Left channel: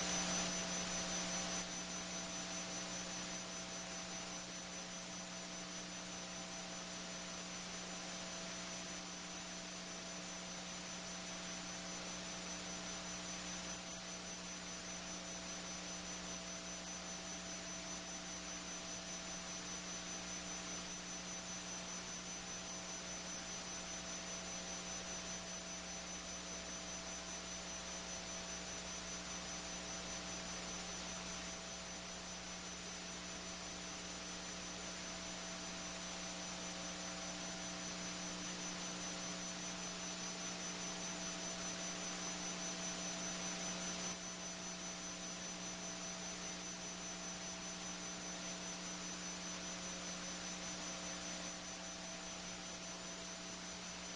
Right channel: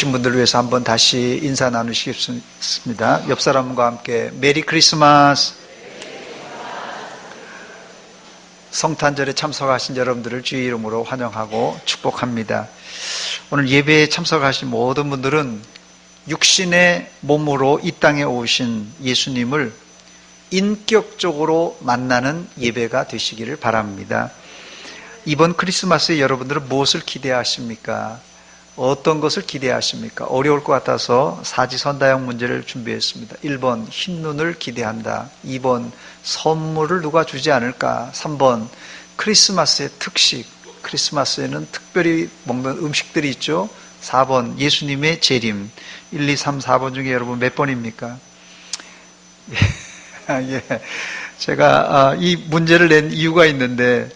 오신 분들을 위해서 한번 다시 인사 나누시겠습니다. 옆 사람과 함께 메리 크리스마스. 성탄절에 참석하신 여러분들을 주의 이름으로 환영하고 축복합니다. 오늘 예배에 참석하신 모든 분들은 육신의 몸으로 이 땅에 오신 예수님을 인격적으로 만나는 예배가 되시기를 바랍니다. 이번 크리스마스에 여러분들은 무엇을 기대하십니까? 어떤 것을 기대하십니까? 어려울 것 같아서 사지선다형 문제를 준비했습니다. 1번 흰눈을 기대한다. 2번 선물을 누가 주지 않을까. 3번 크리스마스의 특식, 크리스마스에는 특별히 먹는 음식들이 있죠. 4번 예수님의 재림. 1, 2, 3, 4번 중에 여러분 몇 번입니까? 예. 제가 이 문제를 낸 이유가 있는데,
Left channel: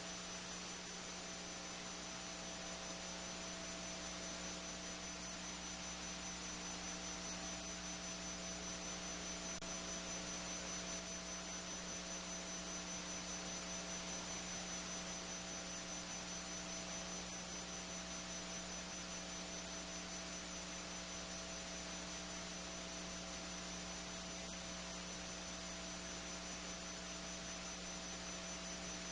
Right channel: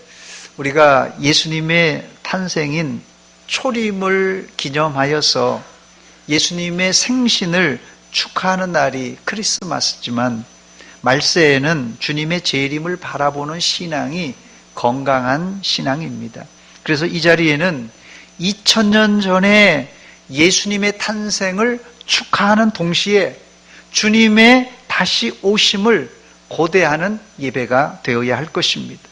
우리가 예수님의 탄생인 초림을 기념하여서 예수님의 생신을 축하하는 날이 크리스마스지만, 말세에는 주님의 재림을 바라보는 신앙이 건강한 신앙입니다. 그래서 이 자리에는 2000년 전에 예수님의 탄생을 축하하는 동시에 주님의 다시 오심을 고대하는 예배가 되어야 할 것입니다.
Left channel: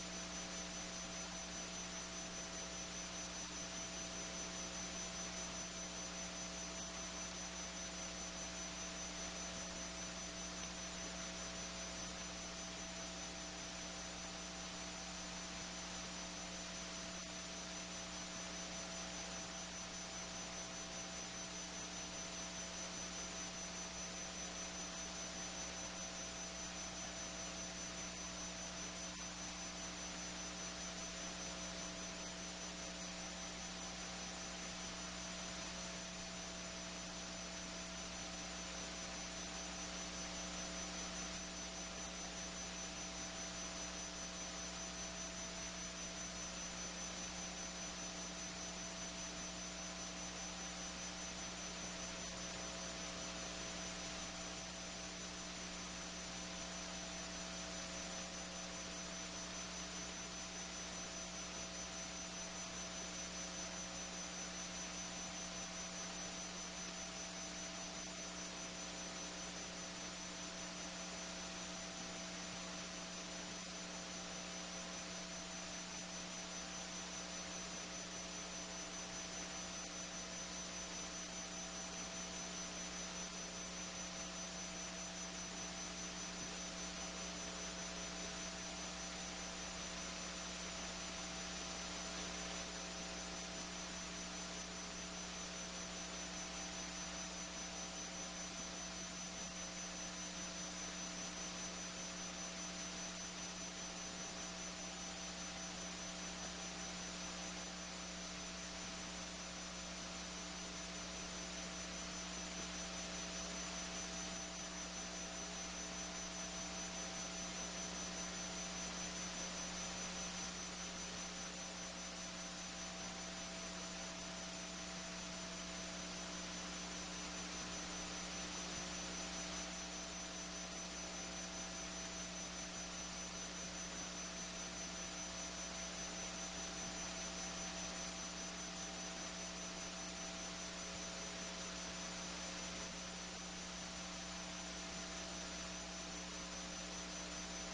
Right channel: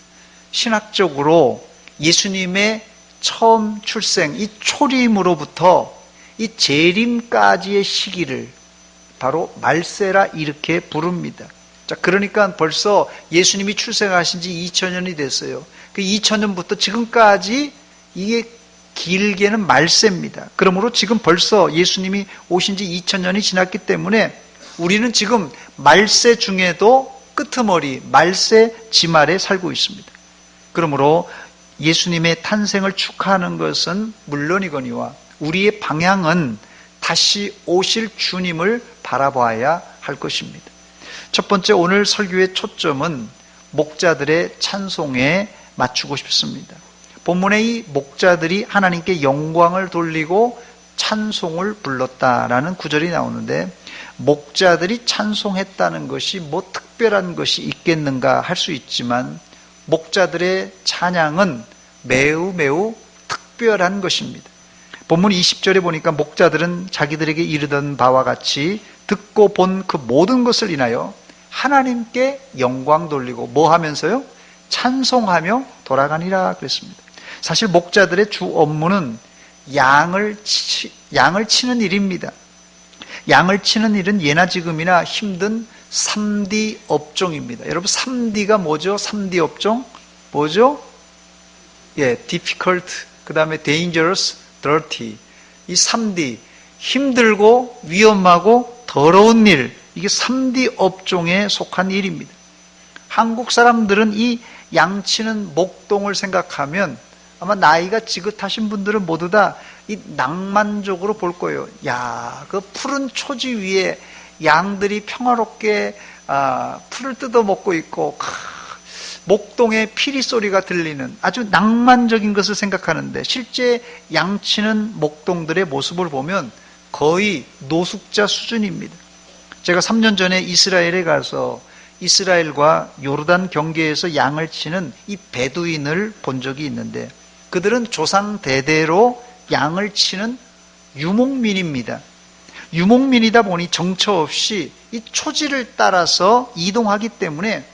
신학적으로 예수님의 처음 출생, 이 초림으로부터 이 재림까지의 시기를 바로 말세라 이렇게 부릅니다. 자, 그러니까 벌써 예수님이 출생하신 지 2000년이 됐어요. 그 2000년부터 지금까지 이게 길게는 말세입니다. 그러므로 지금 벌써 예수님이 오신 지 2000년이 지났기 때문에 우리는 지금 말세 중에도 끄트머리, 말세 지말에 살고 있습니다. 그러므로 예수님의 탄생을 축하하는 것은 물론이거니와 우리의 방향은 다시 오실 주님을 바라봐야 할 것입니다. 첫 번째, 오늘 설교의 초점은 목자들의 찬송에 맞추고 싶습니다. 본문의 이 목자들이 하나님께 영광을 돌리고 찬송을 불렀다라는 구절이 나오는데, 목자들이 찬송했다는 것이 뭐 특별한 것이 있겠는가 할 수 있지만, 목자들의 찬양은 매우 특별한 것입니다. 본문 20절에 보니까 목자들은 자기들에게 이르던 바와 같이 듣고 본 그 모든 것을 인하여 하나님께 영광 돌리고 뭐 하면서요? 찬송하며 돌아가니라 그랬습니다. 사실 목자들의 주 업무는 양을 치는 일입니다. 양을 치는 일은 예나 지금이나 힘든 3D 업종입니다. 여러분 3D가 뭐죠? 3D 업종? 뭐죠? 예, difficult, 그 다음에 dangerous, dirty. 이 3D, 힘들고 위험하고 더러운 일, 이게 3D 업종에 속한 일입니다. 한국 사람들은 이 양치는 목동을 생각하면 아마 나이가 지긋하신 분들은 모두 다 이 낭만적으로 볼 거예요. 야, 그 푸른 초지 위에 양들이 평화롭게 풀을 뜯어 먹고 있고, 목동의 피리 소리가 들리는 아주 낭만적인 것을 생각하는데, 실제 양치는 목동들의 모습을 보면 거의 노숙자 수준입니다. 제가 3년 전에 이스라엘에 가서 이스라엘과 요르단 경계에서 양을 치는 이 베두인을 본 적이 있는데, 그들은 조상 대대로 양을 치는 유목민입니다. 유목민이다 보니 정처 없이 이 초지를 따라서 이동하기 때문에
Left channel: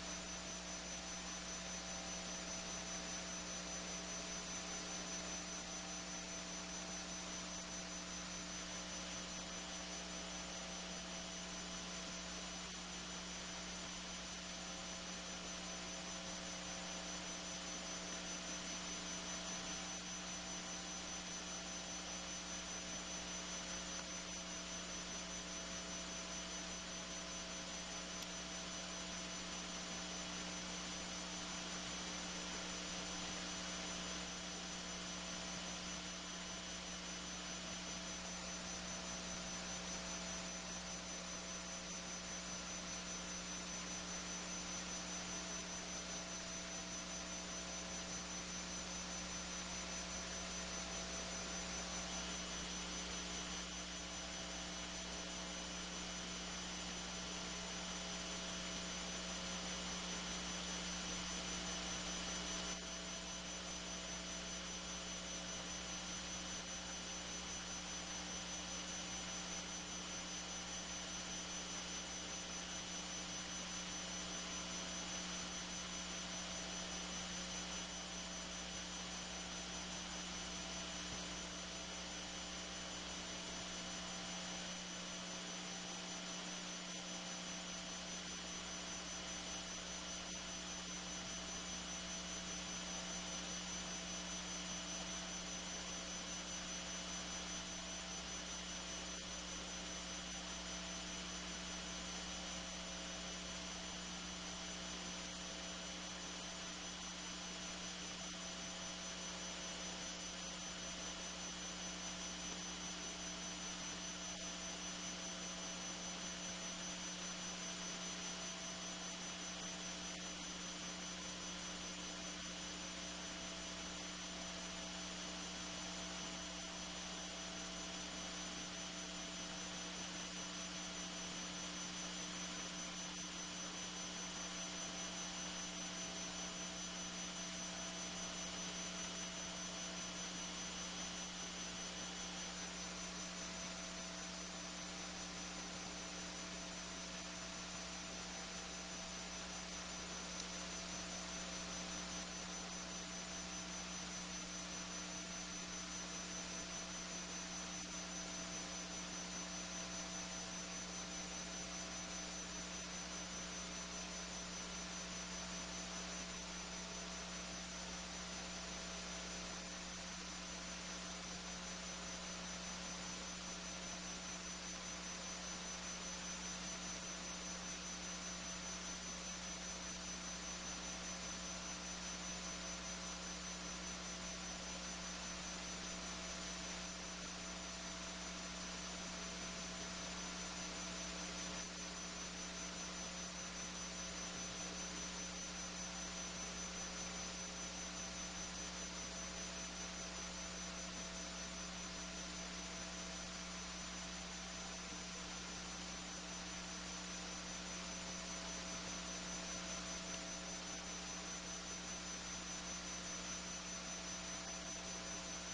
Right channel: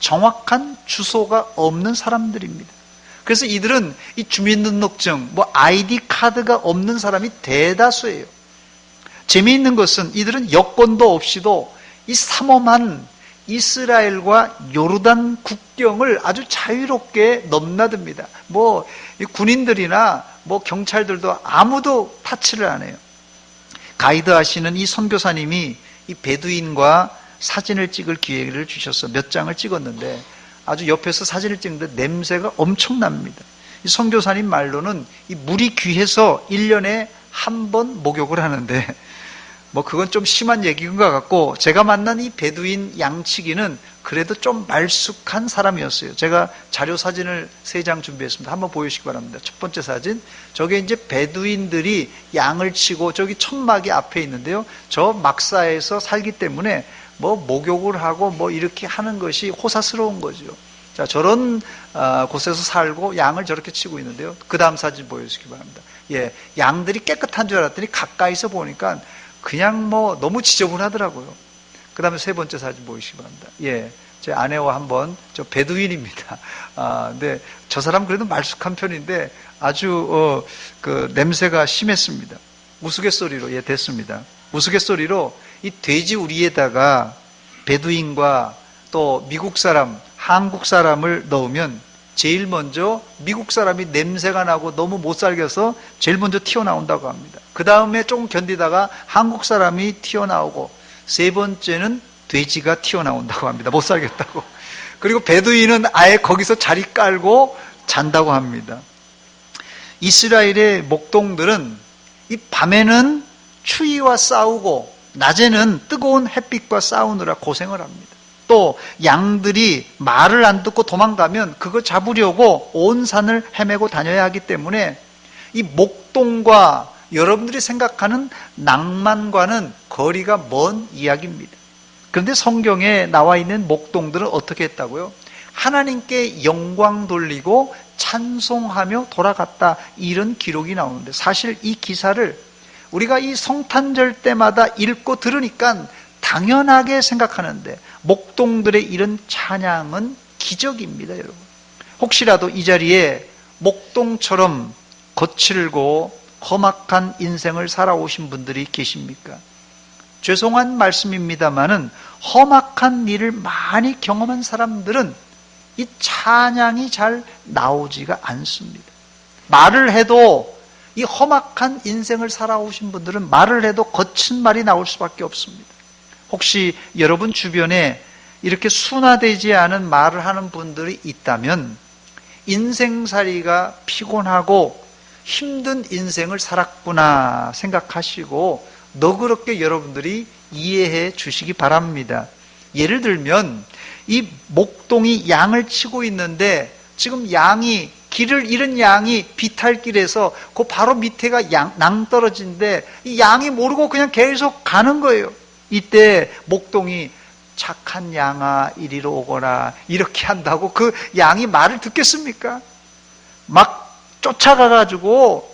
정확한 주소가 없는 사람들입니다. 그래서 이들은 이 주민등록증, 아이디 카드가 없는 사람이 대다수예요. 재미있는 것은 이들은 여권도 없이도 이 삼엄한 이스라엘과 요르단 국경을 아주 자유롭게 넘나듭니다. 군인들이나 경찰들도 아무도 타치를 안 해요. 가이드 하시는 이 선교사님이 이 베두인과 사진을 찍을 기회를 주셔서 몇 장을 찍었는데, 아주 옆에서 사진을 찍는데 냄새가 엄청납니다. 이 선교사님 말로는 이 물이 귀해서 1년에 한 번 목욕을 하는데, 그건 좀 심한 얘기인 것 같고, 제가 만난 이 베두인 양치기는 그래도 좀 말쑥한 사람이었어요. 제가 자료 사진을 3장 준비했습니다. 한번 보여주시기 바랍니다. 첫 번째 사진, 저게 이제 베두인들이 양을 치고 저기 천막이 앞에 있는데요, 저 막사에서 살기 때문에 목욕을 하고 이렇게 하는 것이 호사스러운 거죠. 자, 저런 곳에서 살고 양을 저렇게 치고 있는데요, 그 다음 사진 보여주시기 바랍니다. 예, 양들이 깨끗한 줄 알았더니 가까이서 보니까 그냥 뭐 너무 지저분하더라고요. 그 다음에 세 번째 사진 보시기 바랍니다. 예, 제 아내와 한번, 저 베두인입니다. 근데 저 사람 그래도 말쑥한 편인데 아주 그 냄새가 심했습니다. 우스갯소리로, 예, 됐습니다. 우스갯소리로 이 돼지 우리에다가 베두인과 또 미국 사람, 한국 사람을 넣으면 제일 먼저 미국 사람이 냄새가 나고 너무 못 살겨서 제일 먼저 튀어나온다고 합니다. 그 다음에 조금 견디다가 한국 사람이 튀어나오고 세 번째는 돼지가 튀어나온다고 합니다. 못 살겠다고. 그리고 베두인은 아예 거기서 자리 깔고 잔다고 합니다. 이스라엘의 목동들은 이 밤에는 추위와 싸우고 낮에는 뜨거운 햇빛과 싸우느라 고생을 합니다. 또 양들이 말을 안 듣고 도망가면 그거 잡으려고 온 산을 헤매고 다녀야 하기 때문에 이 목동과 여러분들이 생각하는 낭만과는 거리가 먼 이야기입니다. 그런데 성경에 나와 있는 목동들은 어떻게 했다고요? 하나님께 영광 돌리고 찬송하며 돌아갔다, 이런 기록이 나오는데, 사실 이 기사를 우리가 이 성탄절 때마다 읽고 들으니까 당연하게 생각하는데 목동들의 이런 찬양은 기적입니다, 여러분. 혹시라도 이 자리에 목동처럼 거칠고 험악한 인생을 살아오신 분들이 계십니까? 죄송한 말씀입니다만은 험악한 일을 많이 경험한 사람들은 이 찬양이 잘 나오지가 않습니다. 말을 해도, 이 험악한 인생을 살아오신 분들은 말을 해도 거친 말이 나올 수밖에 없습니다. 혹시 여러분 주변에 이렇게 순화되지 않은 말을 하는 분들이 있다면 인생살이가 피곤하고 힘든 인생을 살았구나 생각하시고 너그럽게 여러분들이 이해해 주시기 바랍니다. 예를 들면 이 목동이 양을 치고 있는데 지금 양이, 길을 잃은 양이 비탈길에서 그 바로 밑에가 낭떠러지인데 이 양이 모르고 그냥 계속 가는 거예요. 이때 목동이 착한 양아 이리로 오거라 이렇게 한다고 그 양이 말을 듣겠습니까? 막 쫓아가가지고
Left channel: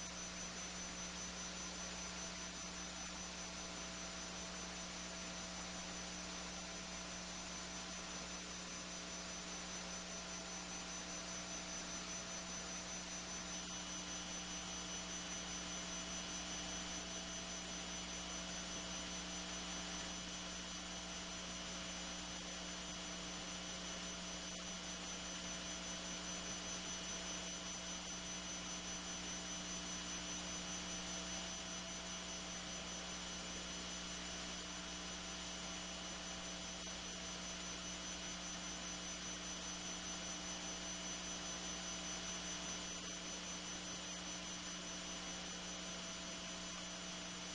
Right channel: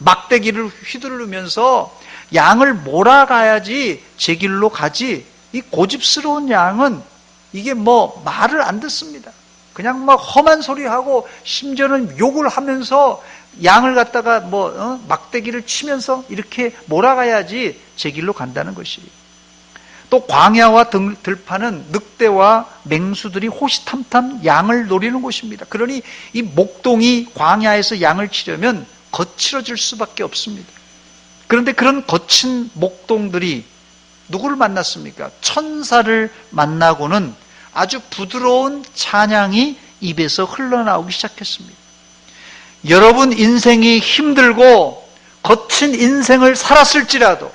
막대기를 휘두르면서 양을 몰아가야지 제 길로 가지, 이 고집스러운 양은 이게 뭐 말을 안 듣습니다. 그냥 막 험한 소리하고 심지어는 욕을 하면서 양을 갖다가 막대기를 치면서 이렇게 몰아가야지 제 길로 간다는 것이에요. 또 광야와 들판은 늑대와 맹수들이 호시탐탐 양을 노리는 곳입니다. 그러니 이 목동이 광야에서 양을 치려면 거칠어질 수밖에 없습니다. 그런데 그런 거친 목동들이 누구를 만났습니까? 천사를 만나고는 아주 부드러운 찬양이 입에서 흘러나오기 시작했습니다. 여러분 인생이 힘들고 거친 인생을 살았을지라도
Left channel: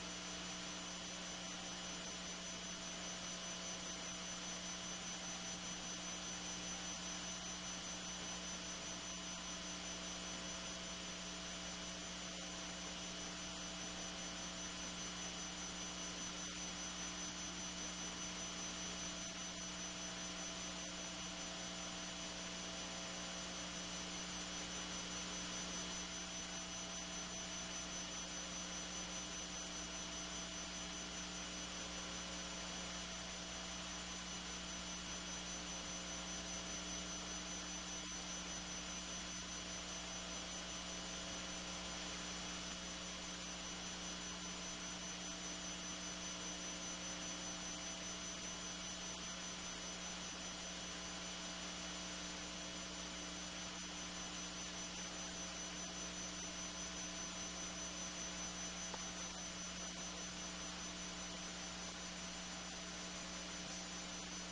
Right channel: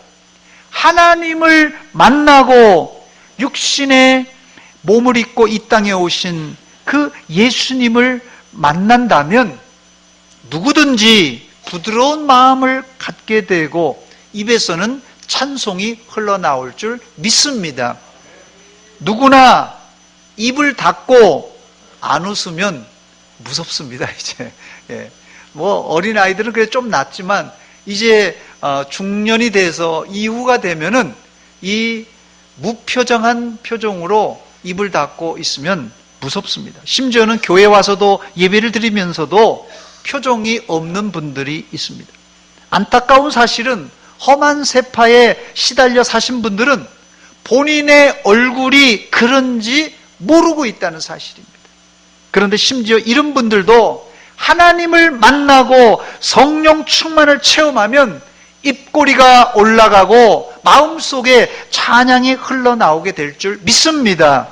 하나님을 만나고 육신의 몸을 입고 이 땅에 오신 그 예수님을 만난다면 누구든지 부드러운 마음을 갖게 되고 입에서는 찬송이 흘러나올 줄 믿습니다. 누구나 입을 닫고 안 웃으면 무섭습니다, 이제. 예. 어린아이들은 그래 좀 낫지만 이제 중년이 돼서 이후가 되면은 이 무표정한 표정으로 입을 닫고 있으면 무섭습니다. 심지어는 교회 와서도 예배를 드리면서도 표정이 없는 분들이 있습니다. 안타까운 사실은 험한 세파에 시달려 사신 분들은 본인의 얼굴이 그런지 모르고 있다는 사실입니다. 그런데 심지어 이런 분들도 하나님을 만나고 성령 충만을 체험하면 입꼬리가 올라가고 마음속에 찬양이 흘러나오게 될 줄 믿습니다.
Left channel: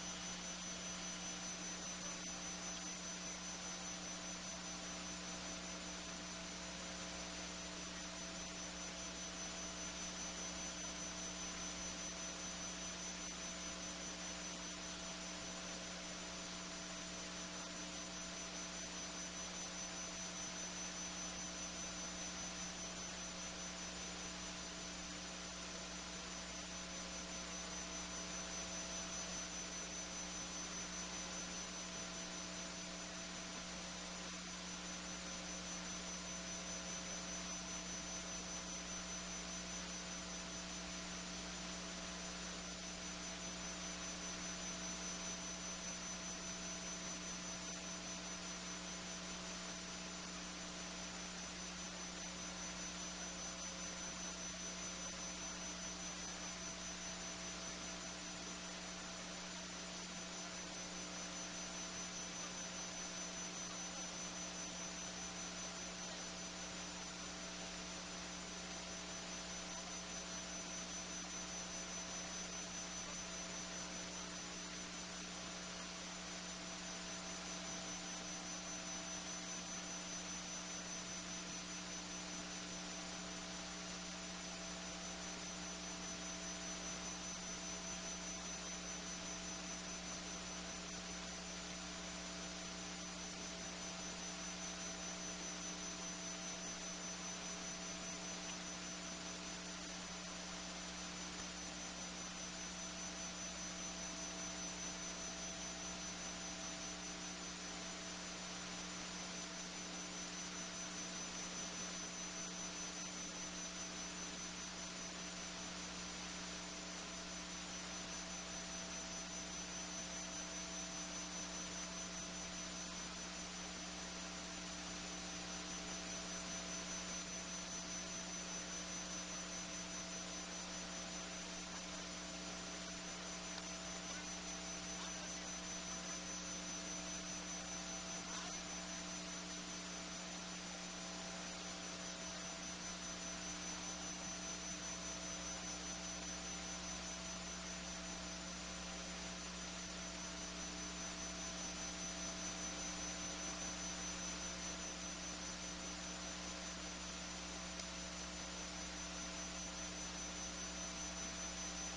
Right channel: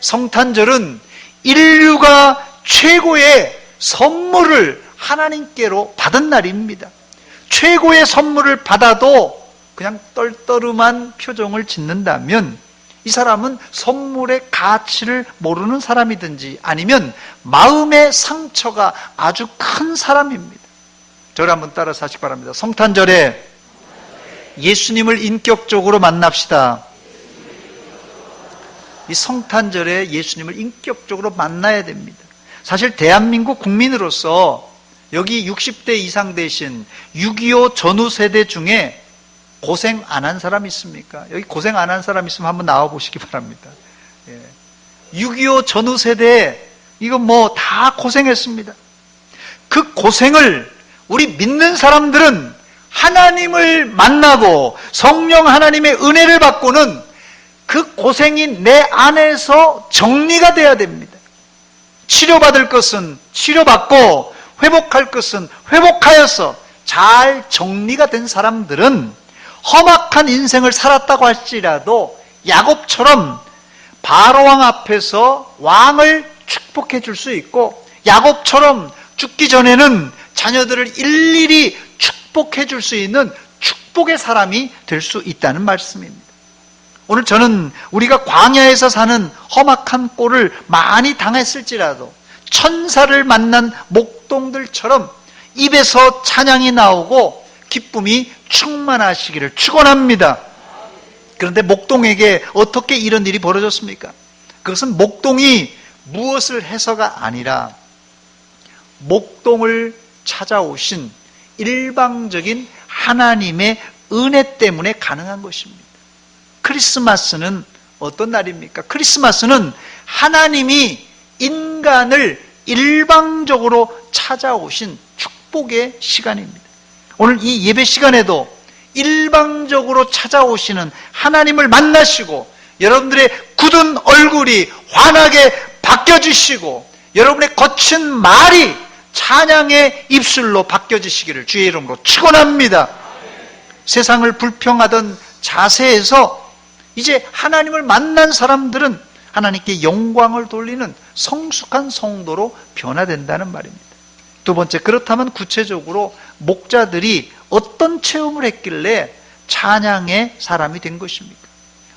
성탄절은 인류가 최고의 선물을 하나님께로 받은 날입니다. 최고의 선물을 받아도 그냥 떨떠름한 표정을 짓는다면 이 사람은 선물의 가치를 모르는 사람이든지 아니면 마음의 상처가 아주 큰 사람입니다. 저를 한번 따라서 하시기 바랍니다. 성탄절에 예수님을 인격적으로 만납시다. 이 성탄절에 예수님을 인격적으로 만나야 됩니다. 사실 대한민국 국민으로서 여기 60대 이상 되신 6.25 전후 세대 중에 고생 안 한 사람 있습니까? 여기 고생 안 한 사람 있으면 한번 나와 보시기 바랍니다. 6.25 전후 세대, 이거 뭐 다 고생했습니다. 그 고생을 우리 믿는 사람들은 하나님을 만나고 성령 하나님의 은혜를 받고는 그 고생이 내 안에서 정리가 돼야 됩니다. 치료받을 것은 치료받고 회복할 것은 회복하여서 잘 정리가 된 사람들은 험악한 인생을 살았다고 할지라도 야곱처럼 바로왕 앞에서 왕을 축복해 줄 수 있고, 야곱처럼 죽기 전에는 자녀들을 일일이 축복해 줄 수 있는 축복의 사람이 될 수 있다는 말씀입니다. 오늘 저는 우리가 광야에서 사는 험악한 꼴을 많이 당했을지라도 천사를 만난 목동들처럼 입에서 찬양이 나오고 기쁨이 충만하시기를 축원합니다. 그런데 목동에게 어떻게 이런 일이 벌어졌습니까? 그것은 목동이 무엇을 해서가 아니라 목동을 찾아오신 일방적인 하나님의 은혜 때문에 가능한 것입니다. 크리스마스는 어떤 날입니까? 크리스마스는 하나님이 인간을 일방적으로 찾아오신 축복의 시간입니다. 오늘 이 예배 시간에도 일방적으로 찾아오시는 하나님을 만나시고 여러분들의 굳은 얼굴이 환하게 바뀌어지시고 여러분의 거친 말이 찬양의 입술로 바뀌어지시기를 주의 이름으로 축원합니다. 세상을 불평하던 자세에서 이제 하나님을 만난 사람들은 하나님께 영광을 돌리는 성숙한 성도로 변화된다는 말입니다. 두 번째, 그렇다면 구체적으로 목자들이 어떤 체험을 했길래 찬양의 사람이 된 것입니까?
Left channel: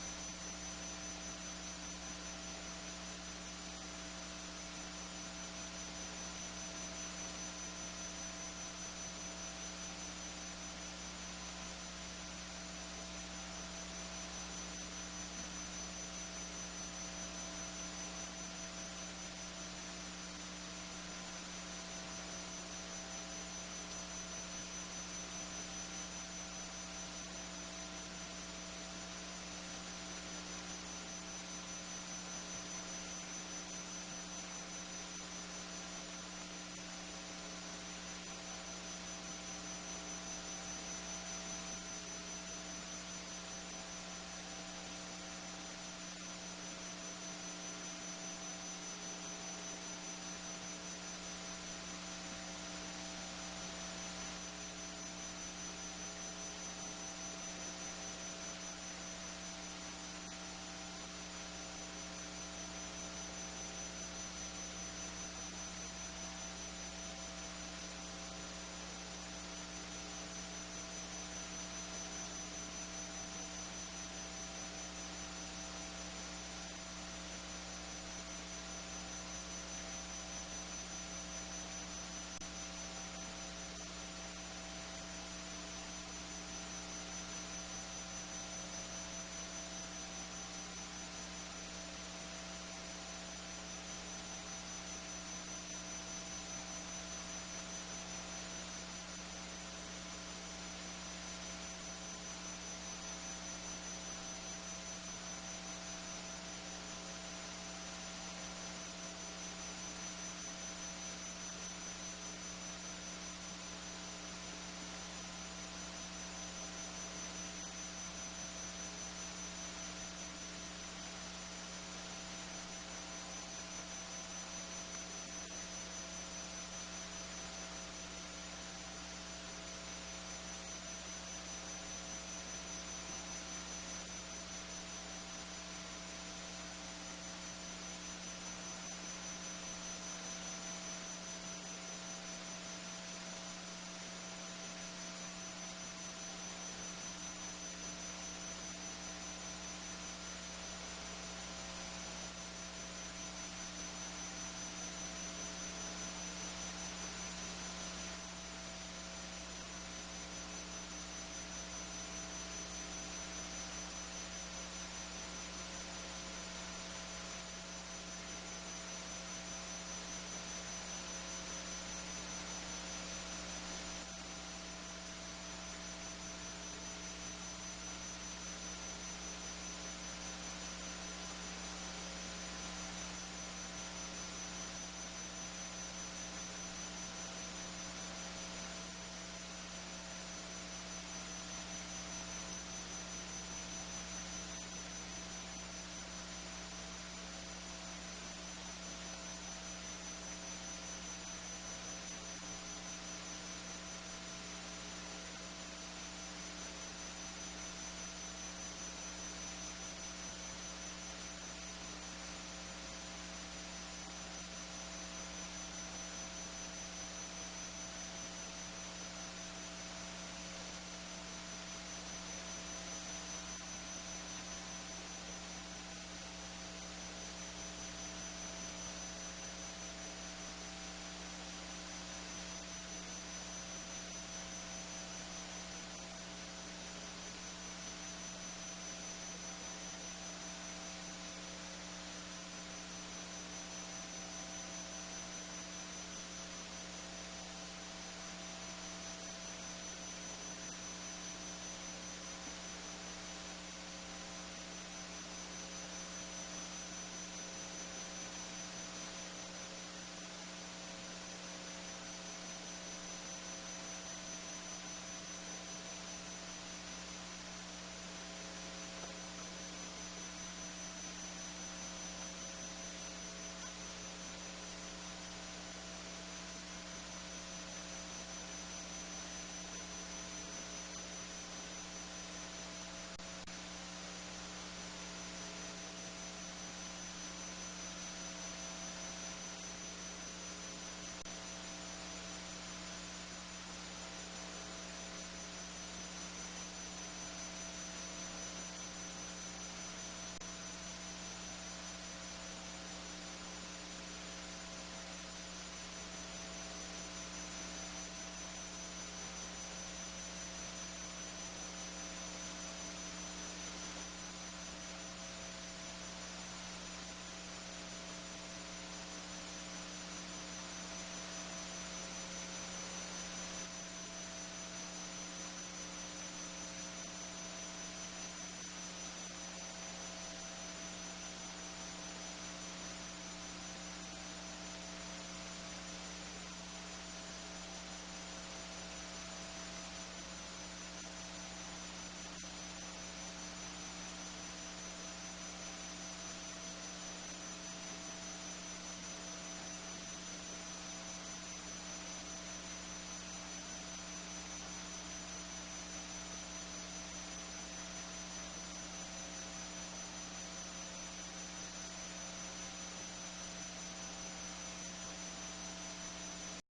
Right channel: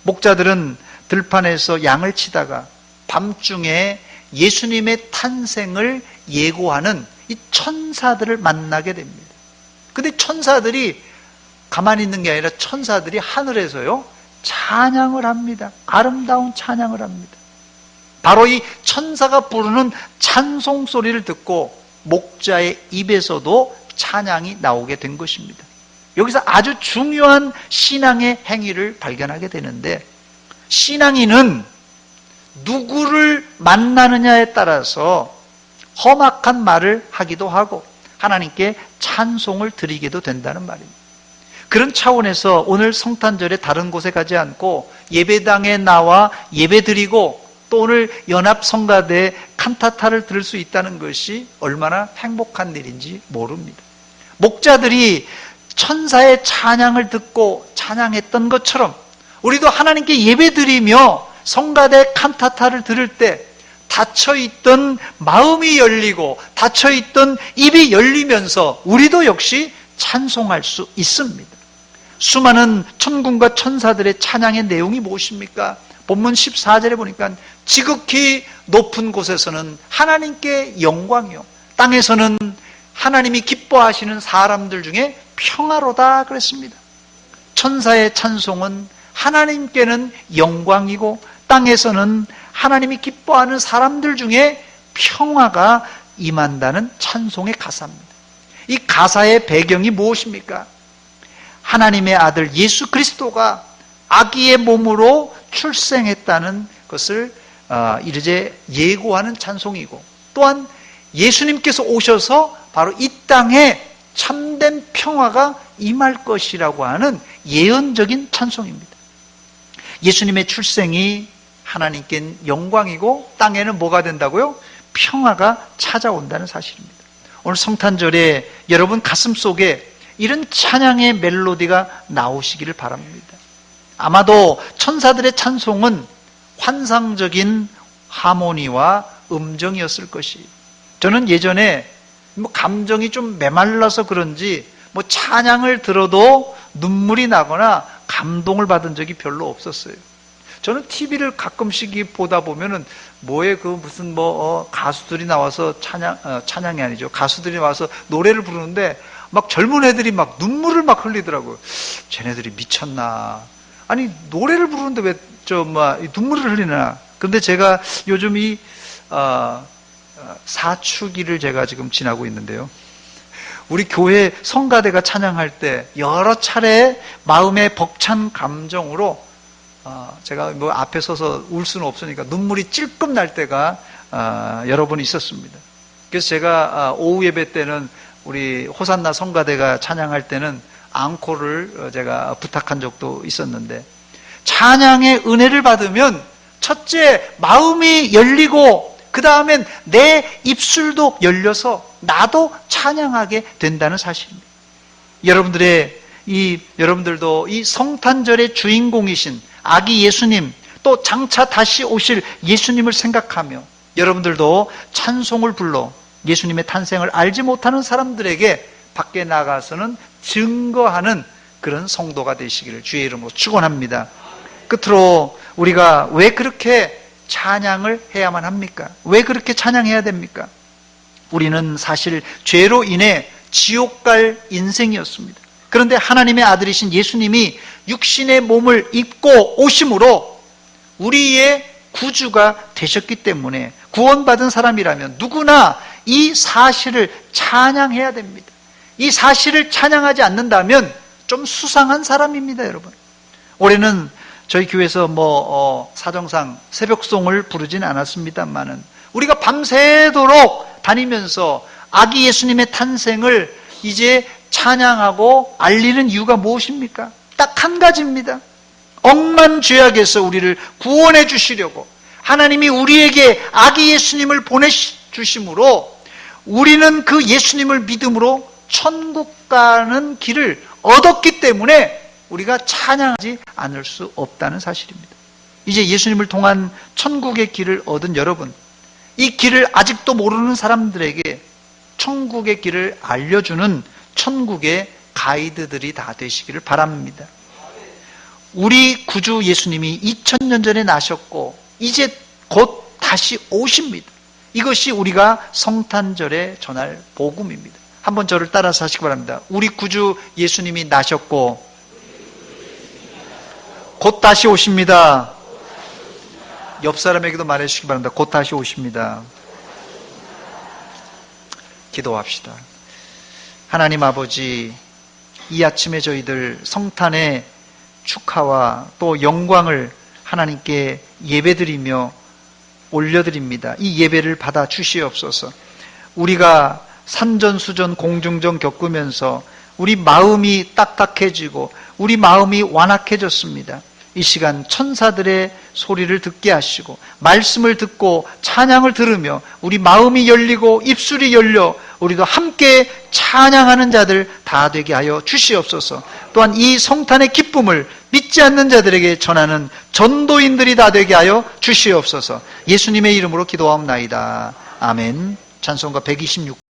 목자들은 들판에서 양을 치다가 밤중에 예수님의 탄생을 예고하는 이 천사들을 만나게 됩니다. 근데 천사들이 가만히 있는 게 아니라 천사들이 하늘에서요 찬양을 합니다. 아름다운 찬양을 합니다. 바로 이 천사가 부르는 찬송 소리를 듣고 목자의 입에서도 찬양이 나오게 된 것입니다. 여기서 아주 중요한 신앙의 행위를 발견하게 되는데, 신앙인은 누구를 만나느냐에 따라서 험악한 말을 하기도 하고 하나님께 찬송을 드리기도 된다는 말입니다. 그런 차원에서 오늘 성탄절에 다른 곳에 가지 않고 예배당에 나와 예배드리고 또 오늘 연합성가대 칸타타를 들을 수 있다는 것이 얼마나 행복한 일인지 모릅니다. 목자들이 천사의 찬양을 듣고 찬양했던 것처럼 우리도 하나님께 예배드리며 성가대 칸타타를 들을 때 닫혀있던 마음이 열리고 닫혀있던 입이 열리면서 우리도 역시 찬송할 수 있습니다. 수많은 천군과 천사들의 찬양의 내용이 무엇입니까? 본문 14절에 보니까 지극히 높은 곳에서는 하나님께 영광이요, 땅에서는 하나님이 기뻐하시는 사람들 중에 평화로다 그랬습니다. 천사의 찬송은 하나님께는 영광이고 땅에서는 하나님이 기뻐하는 사람들 중에 평화가 임한다는 찬송의 가사입니다. 이 가사의 배경이 무엇입니까? 하나님의 아들 예수 그리스도가 아기의 몸으로 출생했다는 것을 이제 예고하는 찬송이고, 또한 예수님께서 오셔서 바로 이 땅에 참된 평화가 임할 것이라고 하는 예언적인 찬송입니다. 예수님의 출생이 하나님께 영광이고 땅에는 뭐가 된다고요? 평화가 찾아온다는 사실입니다. 오늘 성탄절에 여러분 가슴 속에 이런 찬양의 멜로디가 나오시기를 바랍니다. 아마도 천사들의 찬송은 환상적인 하모니와 음정이었을 것이에요. 저는 예전에 감정이 좀 메말라서 그런지 찬양을 들어도 눈물이 나거나 감동을 받은 적이 별로 없었어요. 저는 TV를 가끔씩 보다 보면은 무슨 가수들이 나와서 찬양이 아니죠. 가수들이 와서 노래를 부르는데 막 젊은 애들이 막 눈물을 막 흘리더라고요. 쟤네들이 미쳤나? 아니 노래를 부르는데 왜 눈물을 흘리나? 근데 제가 요즘 이 사춘기를 제가 지금 지나고 있는데요. 우리 교회 성가대가 찬양할 때 여러 차례 마음의 벅찬 감정으로 제가 뭐 앞에 서서 울 수는 없으니까 눈물이 찔끔 날 때가 여러 번 있었습니다. 그래서 제가 오후 예배 때는 우리 호산나 성가대가 찬양할 때는 앙코를 제가 부탁한 적도 있었는데, 찬양의 은혜를 받으면 첫째 마음이 열리고 그 다음엔 내 입술도 열려서 나도 찬양하게 된다는 사실입니다. 여러분들도 이 성탄절의 주인공이신 아기 예수님, 또 장차 다시 오실 예수님을 생각하며 여러분들도 찬송을 불러 예수님의 탄생을 알지 못하는 사람들에게 밖에 나가서는 증거하는 그런 성도가 되시기를 주의 이름으로 축원합니다. 끝으로 우리가 왜 그렇게 찬양을 해야만 합니까? 왜 그렇게 찬양해야 됩니까? 우리는 사실 죄로 인해 지옥 갈 인생이었습니다. 그런데 하나님의 아들이신 예수님이 육신의 몸을 입고 오심으로 우리의 구주가 되셨기 때문에 구원받은 사람이라면 누구나 이 사실을 찬양해야 됩니다. 이 사실을 찬양하지 않는다면 좀 수상한 사람입니다, 여러분. 올해는 저희 교회에서 사정상 새벽송을 부르진 않았습니다만은 우리가 밤새도록 다니면서 아기 예수님의 탄생을 이제 찬양하고 알리는 이유가 무엇입니까? 딱 한 가지입니다. 억만 죄악에서 우리를 구원해 주시려고 하나님이 우리에게 아기 예수님을 보내주심으로 우리는 그 예수님을 믿음으로 천국 가는 길을 얻었기 때문에 우리가 찬양하지 않을 수 없다는 사실입니다. 이제 예수님을 통한 천국의 길을 얻은 여러분, 이 길을 아직도 모르는 사람들에게 천국의 길을 알려주는 천국의 가이드들이 다 되시기를 바랍니다. 우리 구주 예수님이 2000년 전에 나셨고 이제 곧 다시 오십니다. 이것이 우리가 성탄절에 전할 복음입니다. 한번 저를 따라서 하시기 바랍니다. 우리 구주 예수님이 나셨고 곧 다시 오십니다. 옆 사람에게도 말해주시기 바랍니다. 곧 다시 오십니다. 기도합시다. 하나님 아버지, 이 아침에 저희들 성탄의 축하와 또 영광을 하나님께 예배드리며 올려드립니다. 이 예배를 받아 주시옵소서. 우리가 산전수전 공중전 겪으면서 우리 마음이 딱딱해지고 우리 마음이 완악해졌습니다. 이 시간 천사들의 소리를 듣게 하시고 말씀을 듣고 찬양을 들으며 우리 마음이 열리고 입술이 열려 우리도 함께 찬양하는 자들 다 되게 하여 주시옵소서. 또한 이 성탄의 기쁨을 믿지 않는 자들에게 전하는 전도인들이 다 되게 하여 주시옵소서. 예수님의 이름으로 기도하옵나이다. 아멘. 찬송가 126